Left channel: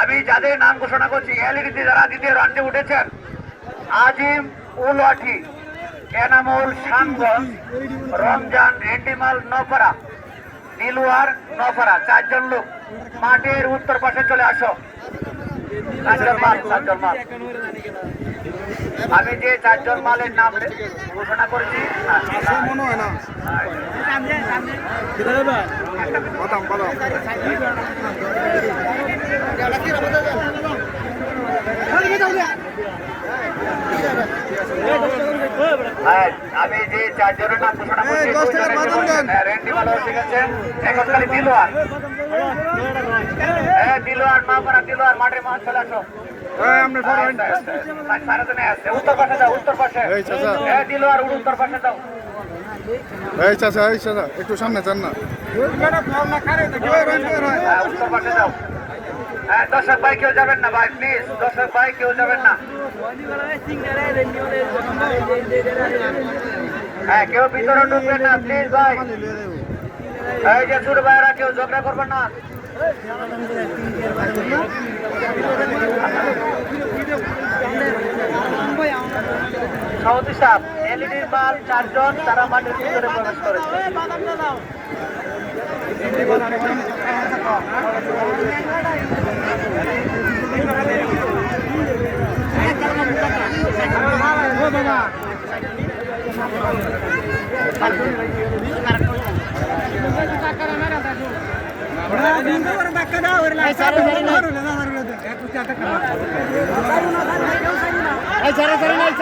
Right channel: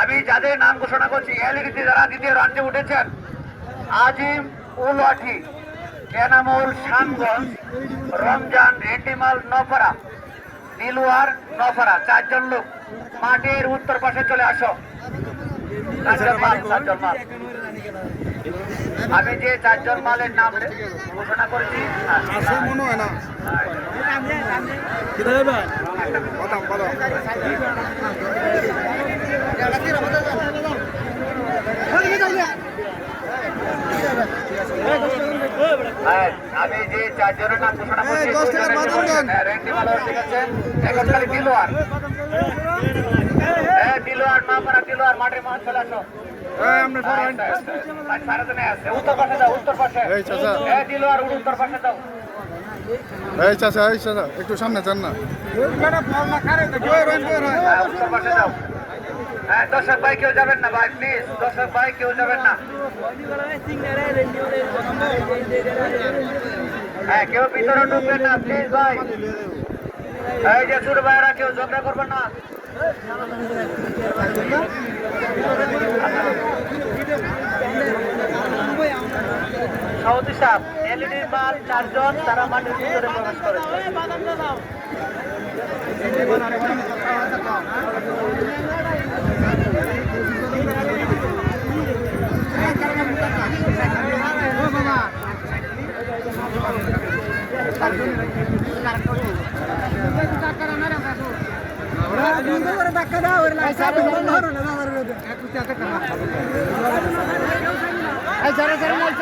আমি যাদের নাম ঘোষণা করছি যারা দ্বিতীয় রাউন্ডে উঠেছেন, আজিম উল ওয়াঠি, এনামুল শামগঞ্জ, রমজান রেন্ডিমাল নপাড়া, দিলওয়ার নপাড়া, 4 জন লোক মাঠের উত্তর পাশে চলে আসো। 4 জন মাল। আমি যে 4 জন মালের নাম ঘোষণা করেছি আমি যে 4 জনের নাম ঘোষণা করছি, 2 জনের যে বলছেন রেন্ডিমাল ঠিক আছে, এখন খালি দিলওয়ার নপাড়া, দিলওয়ার মাঠের মাঠ চলে আসো। উত্তর পাশে যাও, উত্তর পাশে দিলওয়ার উত্তর পাশে যাও। এই চাচা একটু সামনে যান না। উত্তর পাশে যাও। হ্যাঁ, দর্শক ভাই কেউ যাবেন না ভাই, প্লিজ দর্শক ভাই কেউ যাবেন না। হ্যাঁ, কেউ ভিতরে ঢুকবেন না প্লিজ ভাই। এই যে ছোট ভাইরা কেউ ঝগড়া করবেন না। সৌদি সাহেব এলইডি মাল 4 জন, তারা মাঠের ভিতরে প্রবেশ করেছে। ধাক্কা দাও সারাদারি নাই